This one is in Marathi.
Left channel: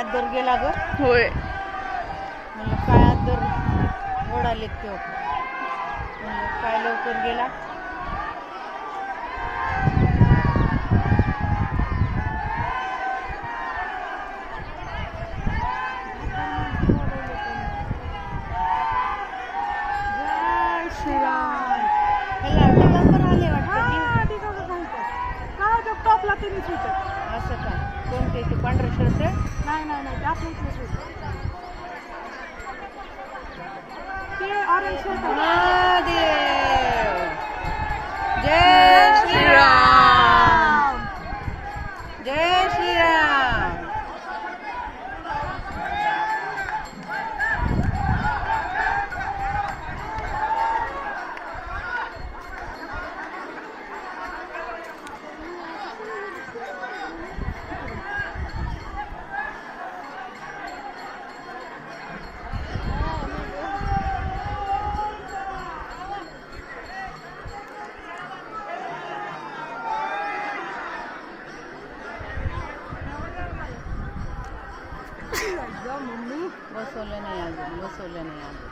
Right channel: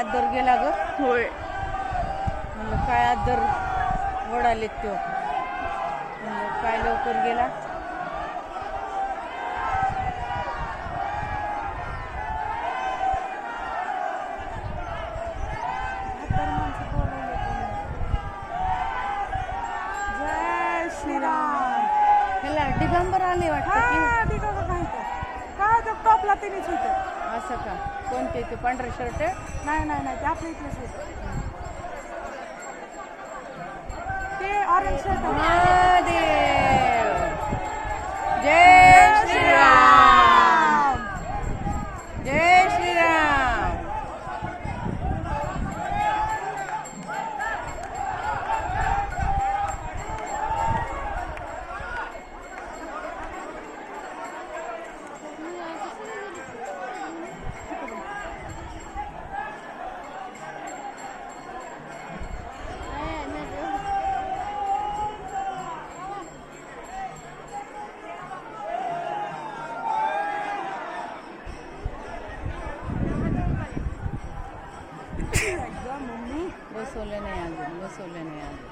आदर गेला ग. होय. म्हणलं काय आदर ओढालेत तो. म्हणलं काय लवकर गेला. जय श्रीराम. ह्याला दिगंबर आले वाटतं की. हा दिगंबर नाही काय होतं टॉपला त्यांनीच होतं. असं का कोणते ते पांढरं शर्ट. नाही नाही नाही ते आपल्या इथलंच होतं. ते ऑरेंज शर्ट. महादेव. जय श्रीराम. जय श्रीराम. बसवलं नाही अजून.